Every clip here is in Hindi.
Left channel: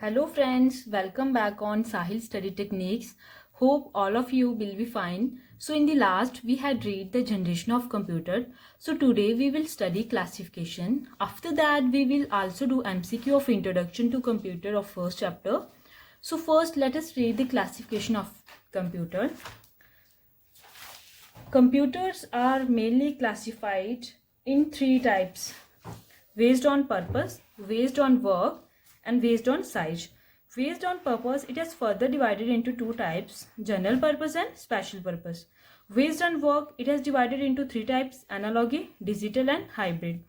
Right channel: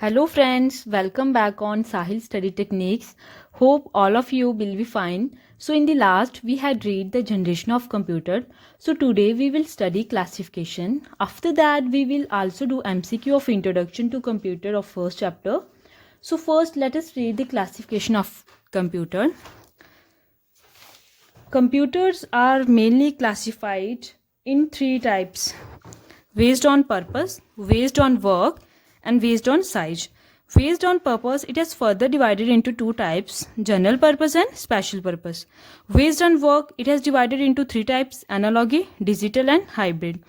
Hello friends, welcome back on Sahil Study Techniques. Hope all of you will be fine. So in the last we had read the generation of computer. So today we will study classification. After that we will also do MCQ of introduction to computer of first chapter. So first let us read the classification of computer. Computers are mainly classified in three types: based on purpose, based on work, and based on size. Based on purpose, it is further divided into two types: general purpose and special purpose. Based on work, it has divided into three types: analogy, digital, and hybrid.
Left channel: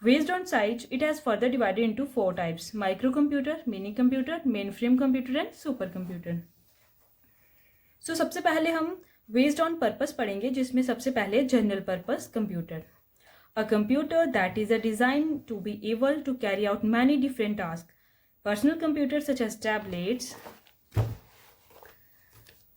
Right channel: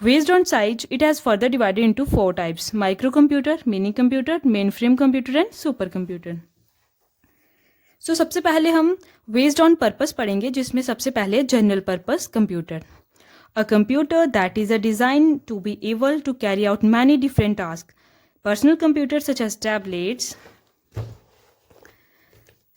Based on size, it has further divided into four types: microcomputer, mini computer, mainframe computer, and supercomputer. So सबसे पहले हम बेस्ड ऑन पर्पस पढ़ेंगे, जिसमें सबसे पहले general purpose computer. A computer that is a designed to be able to carry out many different tasks. Personal computers such as tablets,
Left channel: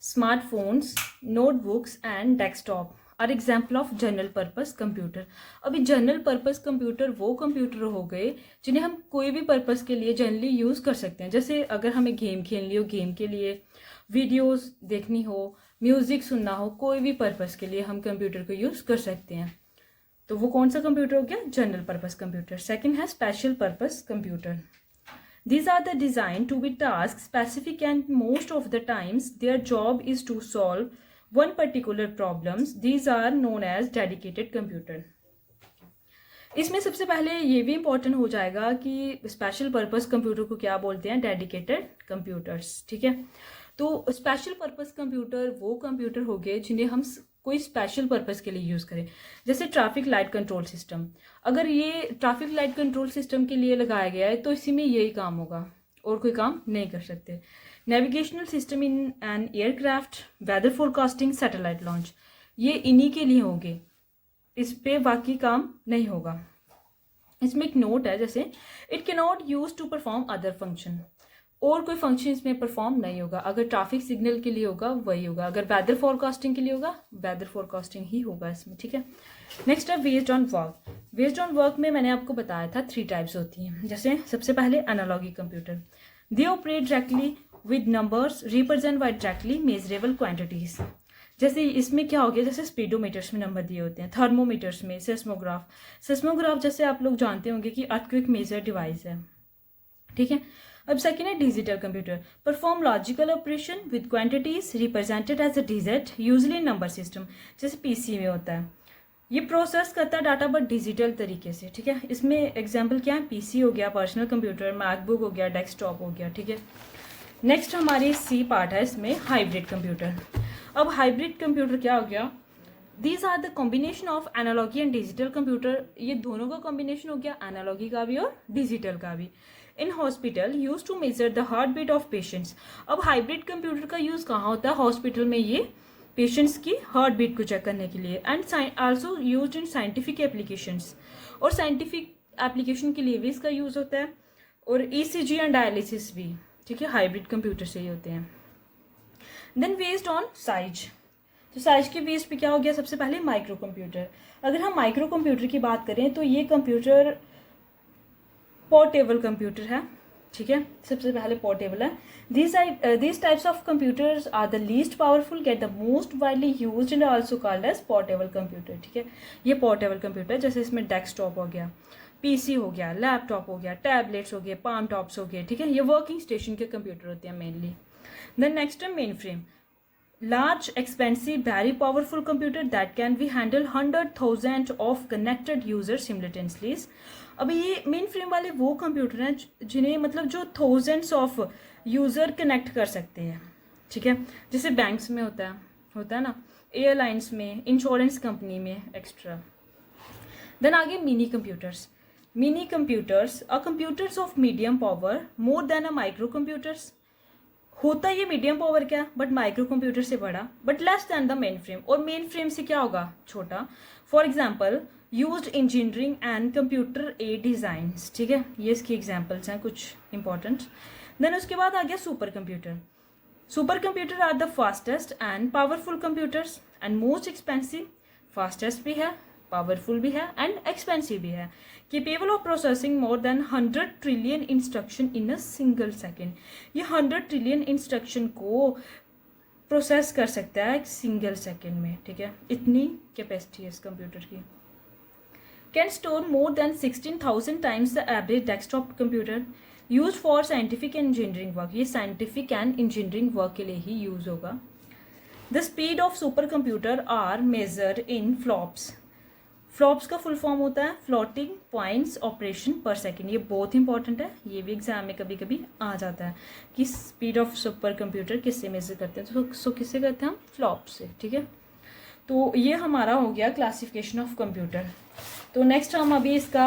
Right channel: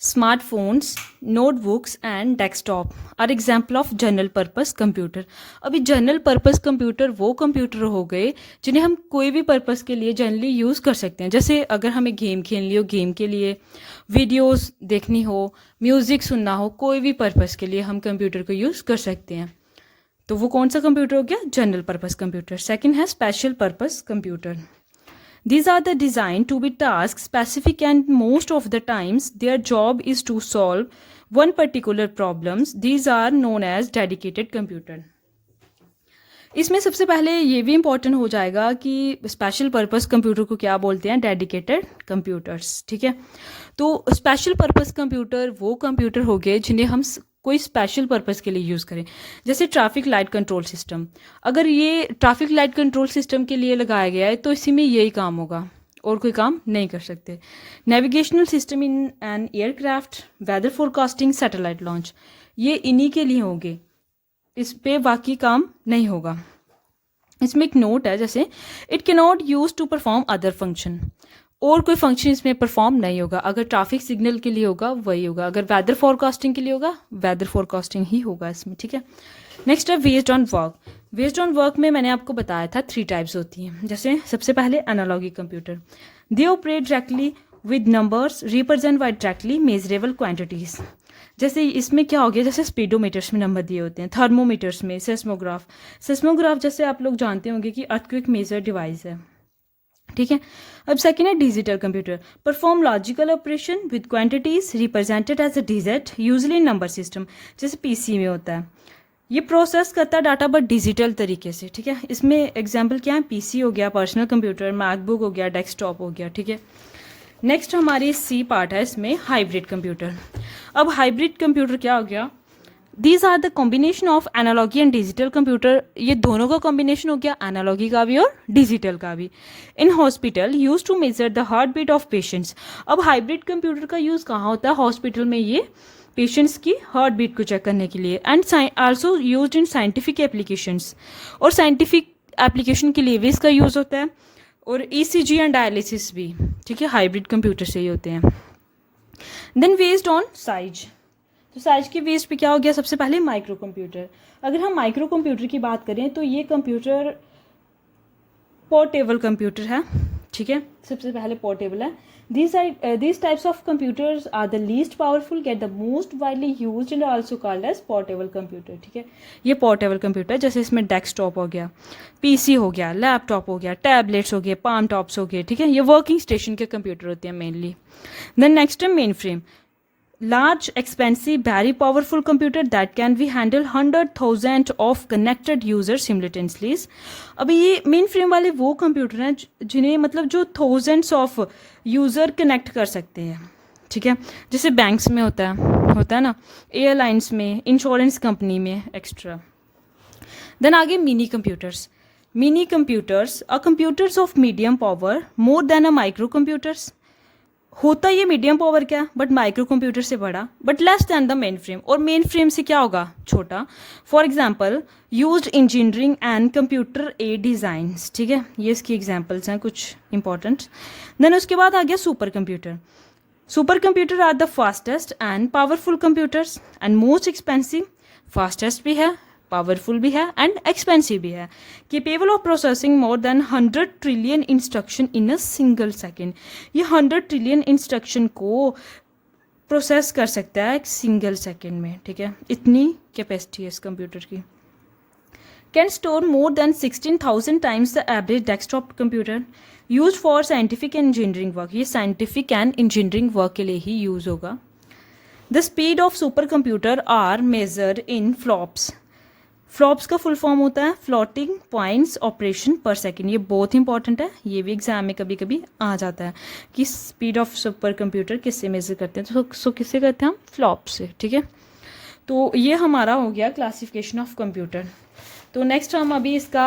smartphones, notebooks and desktop are example of general purpose computer. अभी जनरल पर्पस कंप्यूटर वो कंप्यूटर हो गए जिन्हें हम कोई भी पर्पस के लिए जनरली यूज़ कर सकते हैं. जैसे अगर हमें गेम खेलनी हो, गेम के लिए, वीडियोस देखनी हो, म्यूज़िक सुनना हो, कोई भी पर्पस के लिए हम कंप्यूटर को यूज़ कर सकते हैं. तो वो कौन सा कंप्यूटर हो गया? General purpose computer. सेकंड है special purpose computer. These are the designed to be task specific and most of the times their job is to solve one particular problems. These are known as dedicated computer. इसमें सबसे पहले ये भी इम्पोर्टेंट हो जाएगा कि स्पेशल पर्पस कंप्यूटर को क्या बोलते हैं? Dedicated computers. ठीक है, तो स्पेशल पर्पस कंप्यूटर वो कंप्यूटर हो गए जिन्हें हम कोई स्पेशल पर्पस के लिए यूज़ करें. जैसे ट्रैफिक लाइट कंट्रोल सिस्टम, अगर ये ट्रैफिक लाइट कंट्रोल सिस्टम के लिए लगाया गया है तो इसी में यही काम होगा और कोई काम नहीं कर सकते. Navigational system in an aircraft, weather forecasting, satellite launch, ये इन्हीं के लिए होंगे, इस पे बाकी काम नहीं होगा. इसमें एक नोट है, जैसे it can not use to perform other function, और कोई फंक्शन इसमें परफॉर्म नहीं होगा. अगर ट्रैफिक सिग्नल के लिए होगा वही होगा, अगर वेदर फोरकास्टिंग के लिए होगा वेदर फोरकास्टिंग ही होगा इसमें. ठीक है, नेक्स्ट है based on work. Based on work में मैंने आपको बताया था थ्री टाइप्स होती हैं. जैसे सबसे पहले analogy computer, they operate directly with numbers, represent by directly measurable quantities. जैसे इसमें क्या हो गया, जैसे स्पीडोमीटर्स में नंबर दिए होते हैं, थर्मोमीटर्स में, सेस्मोग्राफ जैसे आप लोग जानते होंगे कि अर्थक्वेक मेजर डिवाइस है. ठीक है, अब सेकेंड है digital computer, perform logical operation with quantities represented as a digit usually number system, जैसे पीसी में होता है. ये प्रोसेस करता है डाटा बट डिजिटल तरीके से. ठीक है, इसमें एग्जांपल क्या है? पीसी हो गया, पर्सनल कंप्यूटर, मैकबुक हो गया, डेस्कटॉप हो गया. ठीक है, नेक्स्ट हमारी सी पार्ट है इसमें हाइब्रिड कंप्यूटर. अब हाइब्रिड कंप्यूटर क्या हो गया? These are the combination of analogy and digital computer. ये दोनों का कॉम्बिनेशन हो गया, एनालॉगी का भी और डिजिटल का भी. In hospital use to measure the heart beat of patients. अब हाइब्रिड कंप्यूटर का यूज़ कहाँ होता है? हॉस्पिटल में, ये पेशेंट्स की हार्ट बीट को चेक करने के लिए. And also use in scientific applications, और साइंटिफिक एप्लीकेशन के लिए भी इसका यूज़ होता है, और ईसीजी एंड डायलिसिस भी. ठीक है, हाइब्रिड कंप्यूटर से ही होते हैं. देन बेस्ड ऑन साइज, तो साइज के बेस पे क्या हो गया? सबसे पहले माइक्रो कंप्यूटर. अगर हम माइक्रो कंप्यूटर की बात करें तो ये कंप्यूटर पोर्टेबल कंप्यूटर है. ठीक है, सबसे पहले पोर्टेबल है. These types of computers are the least powerful, get the most widely used and also called as portable computer. ठीक है, ये पोर्टेबल कंप्यूटर है. जैसे इसमें डेस्कटॉप हो गया, पीसी हो गया, लैपटॉप हो गया, टैबलेट्स हो गए, पाम टॉप्स हो गए. ठीक है, ये वर्किंग स्टेशन के कंप्यूटर होते हैं मेनली. देन नेक्स्ट है main frame, large, expensive, very powerful computer that can be handle 100,000 of connected users simultaneously. अभी ये मेन फ्रेम वाले वो कंप्यूटर हैं जिन्हें मतलब जो थाउजेंड्स ऑफ यूज़र कनेक्ट कर सकते हैं. ठीक है, जैसे बैंक्स में होता है ना, एयरलाइंस में, इंश्योरेंस कंपनी में एक्स्ट्रा. देन आगे mini computers. Mini computers are computers of medium power more than a micro computers. होता ये मीडियम पावर क्या, बट माइक्रो कंप्यूटर से बड़ा, but less than the mainframe, और मेन फ्रेम से क्या होगा? छोटा. For example used engineering and computer aided designs. ठीक है, ये इसकी एग्जाम्पल्स हैं कुछ इंपॉर्टेंट. देन उसके बाद आ गया super computer. Super computer are the fastest and powerful computers and most expensive. Fastest भी है, पावरफुल भी है एंड एक्सपेंसिव भी है। Capable of processing more than 100 trillion instruction in a single second. ये 100 ट्रिलियन इंस्ट्रक्शन को प्रोसेस कर सकता है एक सिंगल सेकेंड में, ठीक है, इतनी कैपेसिटी है इस कंप्यूटर की। Can store more than 16,000 times the average desktop computer, use for scientific and engineering work. ये साइंटिफिक एंड इंजीनियरिंग वर्क के लिए ही यूज़ होगा। The speed of super computer are measure in flops. Flops का फुल फॉर्म होता है floating points operation per second. ये बहुत इंपॉर्टेंट है, ये भी एग्जाम में कभी कभी आ जाता है कि स्पीड ऑफ सुपर कंप्यूटर किससे मेजर करते हैं, तो सो किससे करते हैं हम, फ्लॉप से, ठीक है। तो ये हमारा हो गया क्लासिफिकेशन ऑफ कंप्यूटर। तो नेक्स्ट हम अभी इसका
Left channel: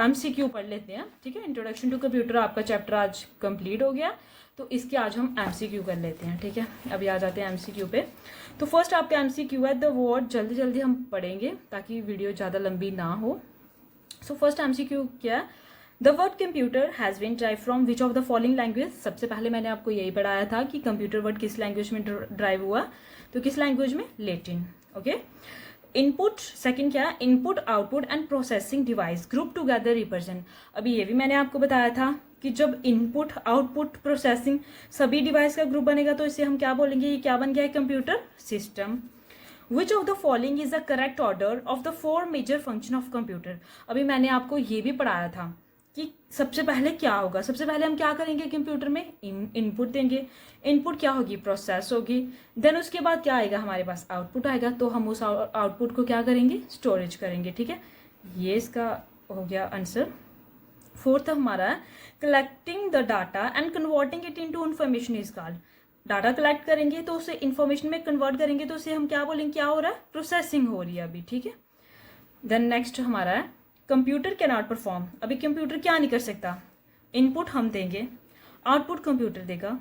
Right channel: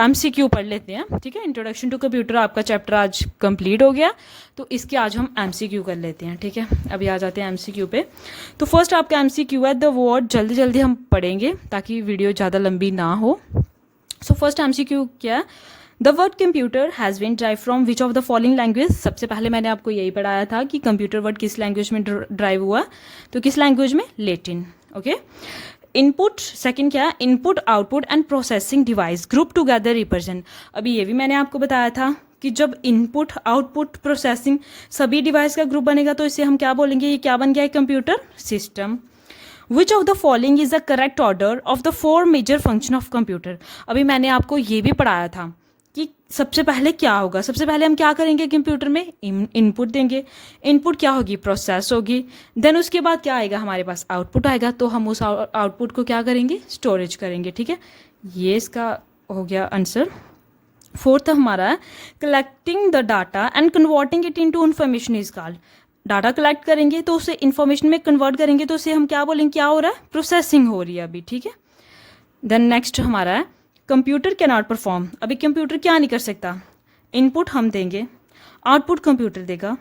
MCQ पढ़ लेते हैं, ठीक है। इंट्रोडक्शन टू कंप्यूटर आपका चैप्टर आज कंप्लीट हो गया, तो इसके आज हम MCQ कर लेते हैं, ठीक है। अभी आ जाते हैं MCQ पे। तो फर्स्ट आपका MCQ है द वर्ड, जल्दी जल्दी हम पढ़ेंगे ताकि वीडियो ज़्यादा लंबी ना हो। सो फर्स्ट MCQ क्या है, the word computer has been drive from which of the following language. सबसे पहले मैंने आपको यही पढ़ाया था कि कंप्यूटर वर्ड किस लैंग्वेज में ड्राइव हुआ, तो किस लैंग्वेज में, लेटिन, ओके। इनपुट सेकंड क्या है, input output and processing device group together represent. अभी ये भी मैंने आपको बताया था कि जब इनपुट आउटपुट प्रोसेसिंग सभी डिवाइस का ग्रुप बनेगा तो इसे हम क्या बोलेंगे, ये क्या बन गया है, computer system. Which of the following is the correct order of the 4 major function of computer. अभी मैंने आपको ये भी पढ़ाया था कि सबसे पहले क्या होगा, सबसे पहले हम क्या करेंगे कंप्यूटर में, इनपुट देंगे, इनपुट क्या होगी, प्रोसेस होगी, देन उसके बाद क्या आएगा, हमारे पास आउटपुट आएगा, तो हम उस आउटपुट को क्या करेंगे, स्टोरेज करेंगे, ठीक है। ये इसका हो गया आंसर। फोर्थ हमारा है collecting the data and converting it into information is called. Data collect करेंगे तो उसे इन्फॉर्मेशन में कन्वर्ट करेंगे तो उसे हम क्या बोलेंगे, क्या हो रहा है, प्रोसेसिंग हो रही है अभी, ठीक है। देन नेक्स्ट हमारा है कंप्यूटर कैन नॉट परफॉर्म। अभी कंप्यूटर क्या नहीं कर सकता, इनपुट हम देंगे, आउटपुट कंप्यूटर देगा,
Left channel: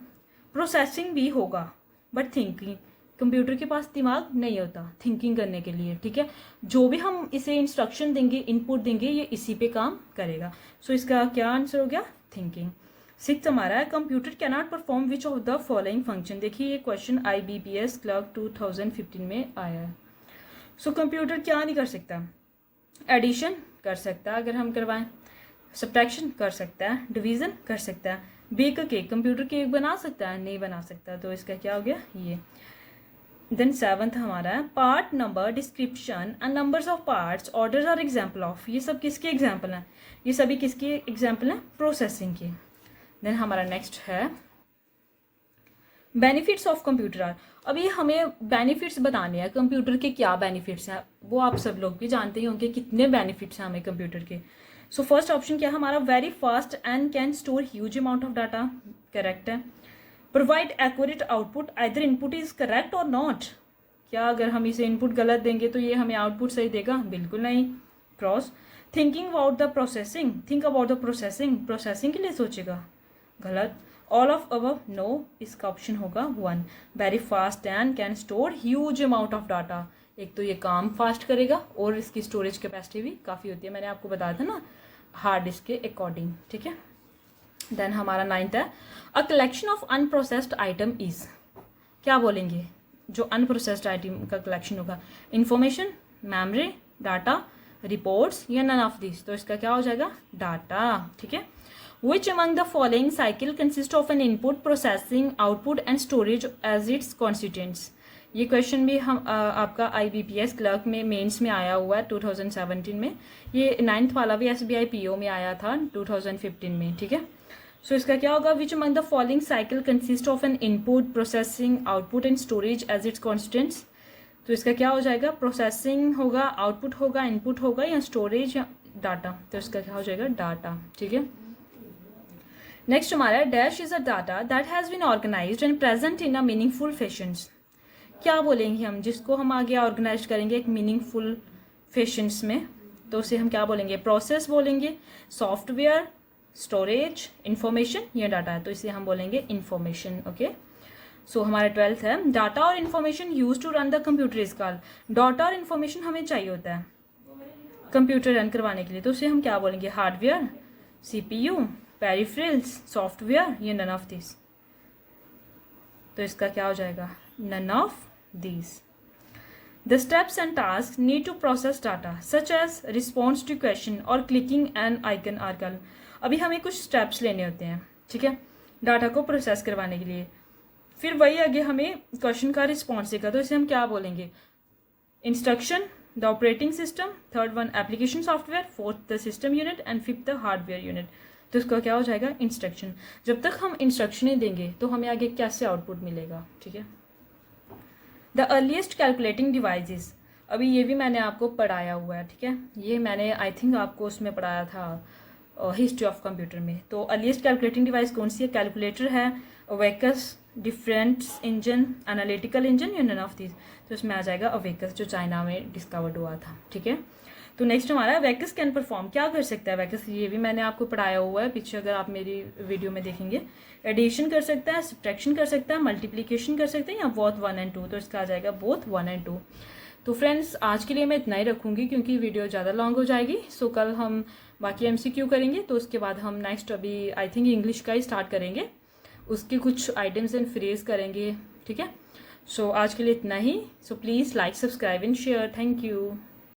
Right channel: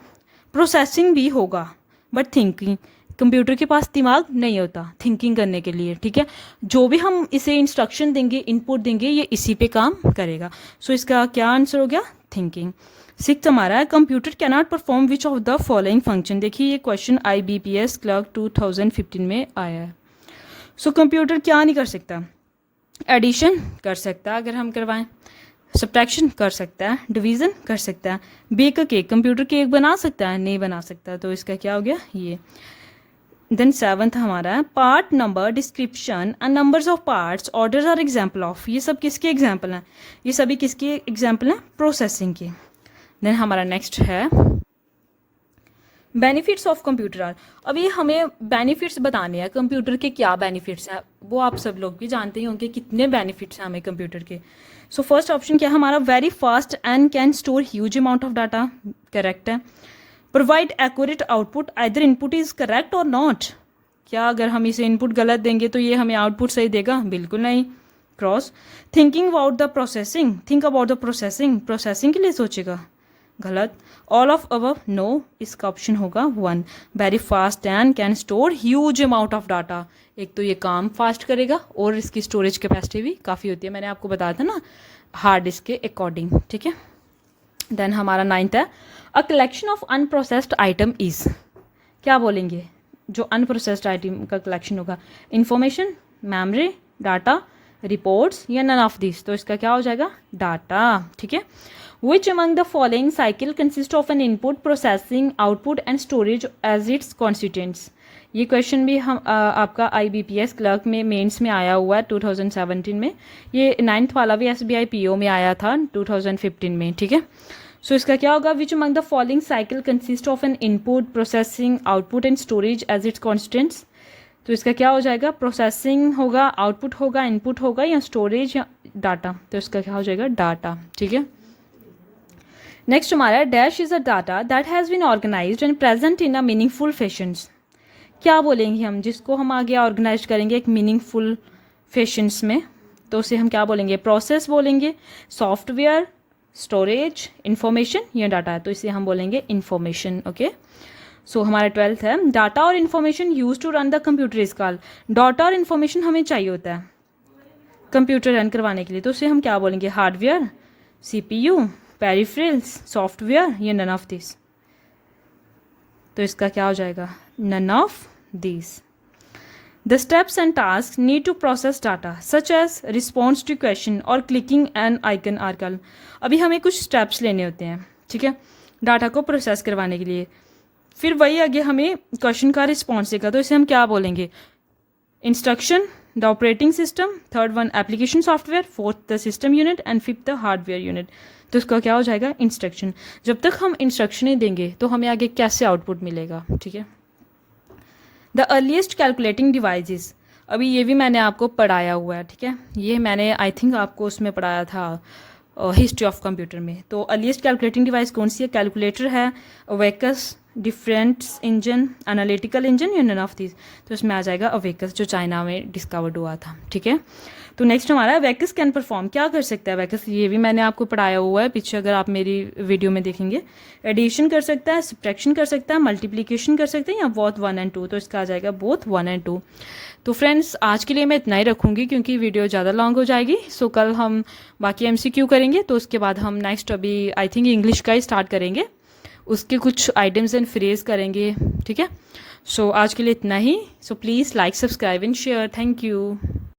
प्रोसेसिंग भी होगा, बट थिंकिंग, कंप्यूटर के पास दिमाग नहीं होता थिंकिंग करने के लिए, ठीक है। जो भी हम इसे इंस्ट्रक्शन देंगे, इनपुट देंगे, ये इसी पे काम करेगा। सो इसका क्या आंसर हो गया, थिंकिंग। सिक्स्थ हमारा है computer can not perform which of the following function. देखिए ये क्वेश्चन IBPS क्लर्क 2015 में आया है। सो कंप्यूटर क्या नहीं कर सकता, एडिशन कर सकता है अगर हम करवाएं, सब्ट्रैक्शन कर सकता है, डिवीज़न कर सकता है, bake a cake, computer cake बना सकता है, नहीं बना सकता, तो इसका क्या हो गया ये। देन सेवंथ हमारा है part number description and numbers of parts orders are example of. ये सब किसके एग्जाम्पल हैं, ये सभी किसके एग्जाम्पल हैं, प्रोसेसिंग के। देन हमारा नेक्स्ट है बेनिफिट्स ऑफ कंप्यूटर आर। अभी हमें बेनिफिट्स बताने हैं कंप्यूटर के, क्या बेनिफिट्स हैं वो आप सब लोग भी जानते ही होंगे, कितने बेनिफिट्स हैं हमें कंप्यूटर के। सो फर्स्ट ऑप्शन क्या है हमारा, very fast and can store huge amount of data, correct है। Provide accurate output, either input is correct और नॉट। क्या अगर हम इसे इनपुट गलत देंगे तो ये हमें आउटपुट सही देगा, बिल्कुल नहीं, cross. Thinking about the processing, think about the processing, processing के लिए सोचेगा, गलत। ऑल ऑफ अबव, नो, इसका ऑप्शन होगा 1। Very fast and can store huge amount of data, एक तो ये काम फास्ट करेगा और इसकी स्टोरेज कैपेसिटी भी काफ़ी होती है, मैंने आपको बताया था ना हार्ड डिस्क के अकॉर्डिंग, ठीक है। देन हमारा 9th है a collection of unprocessed item is. क्या बोलेंगे, जो अनप्रोसेस्ड आइटम का कलेक्शन होगा, इंफॉर्मेशन, मेमोरी, डाटा, रिपोर्ट्स या नन ऑफ दिस, तो इसका क्या हो जाएगा, डाटा, ठीक है। Which among the following cycle consist of an input, processing, output and storage as its constituents? ये क्वेश्चन भी हम आपका IBPS क्लर्क में मेंस में आया हुआ है 2017 में, ये 9th वाला भी SBI PO में आया था 2015 में, ठीक है। सो इसका क्या होगा, विच among the following cycle consist of an input, processing, output and storage as its constituents? तो इसका क्या हो जाएगा, प्रोसेसिंग होगा, आउटपुट होगा, इनपुट होगा या स्टोरेज या डाटा, तो इसका क्या हो जाएगा, डाटा, ठीक है। नेक्स्ट हमारा dash is a data that has been organised and present in a meaningful fashions. क्या बोलेंगे हम, जिसको हम आगे ऑर्गेनाइज करेंगे एक मीनिंगफुल फैशंस में, तो उसे हम क्या बोलेंगे, प्रोसेस बोलेंगे, सॉफ्टवेयर, स्टोरेज, इंफॉर्मेशन या डाटा, तो इसे हम बोलेंगे इंफॉर्मेशन, ओके। सो हमारा 12th है डाटा और information use to run the computer is called. Data और इन्फॉर्मेशन हमें चाहिए होता है कंप्यूटर रन करवाने के लिए, तो उसे हम क्या बोलेंगे, हार्डवेयर, CPU, पेरिफेरल्स, सॉफ्टवेयर या नन ऑफ दिस, तो इसका क्या हो जाएगा, none of this. The steps and tasks need to process data such as response to question or clicking an icon are called. अभी हमें कुछ स्टेप्स लेने होते हैं, ठीक है, डाटा को प्रोसेस करवाने के लिए. फिर वही आगे हमें क्वेश्चन का रिस्पॉन्स देगा, तो इसे हम क्या बोलेंगे? Instruction, the operating system, third one application software, fourth the system unit and fifth the hardware unit. तो इसका क्या हो जाएगा? इंस्ट्रक्शन. जब तक हम इंस्ट्रक्शनें देंगे तो हमें आगे कैसे आउटपुट मिलेगा, ठीक है. द अर्लीस्ट कैलकुलेटिंग डिवाइसेस, अभी ये भी मैंने आपको पढ़ाया हुआ है, ठीक है, ये मैंने आई थिंक आपको उसमें पढ़ाया था हिस्ट्री ऑफ कंप्यूटर में. तो अर्लीस्ट कैलकुलेटिंग डिवाइस कौन सी है? कैलकुलेटर है, abacus, difference engine, analytical engine या नन ऑफ दिस. तो इसमें आ जाएगा अवेकस, जो चाइना में डिस्कवर्ड हुआ था, ठीक है. तो नेक्स्ट हमारा अवेकस कैन परफॉर्म, क्या कर सकता है अवेकस? ये भी मैंने आपको पढ़ाया हुआ है पीछे, अगर आप मेरी वीडियो में देखेंगे. एडिशन कर सकता है, सब्ट्रैक्शन कर सकता है, मल्टीप्लिकेशन कर सकते हैं, या बोथ 1 और 2. तो इसका आ जाएगा बोथ 1 और 2. तो फ्रेंड्स आज के लिए मैं इतना ही रखूँगी क्योंकि वीडियो ज़्यादा लॉन्ग हो जाएगी. सो कल हम बाकी MCQ करेंगे, तो उसके बाद हम नेक्स्ट अभी आई थिंक इंग्लिश का ही स्टार्ट करेंगे, उसके कुछ आइटम्स एंड फ्रेज करेंगे, ठीक है. सो आज के लिए इतना ही. So please like, subscribe and share. Thank you.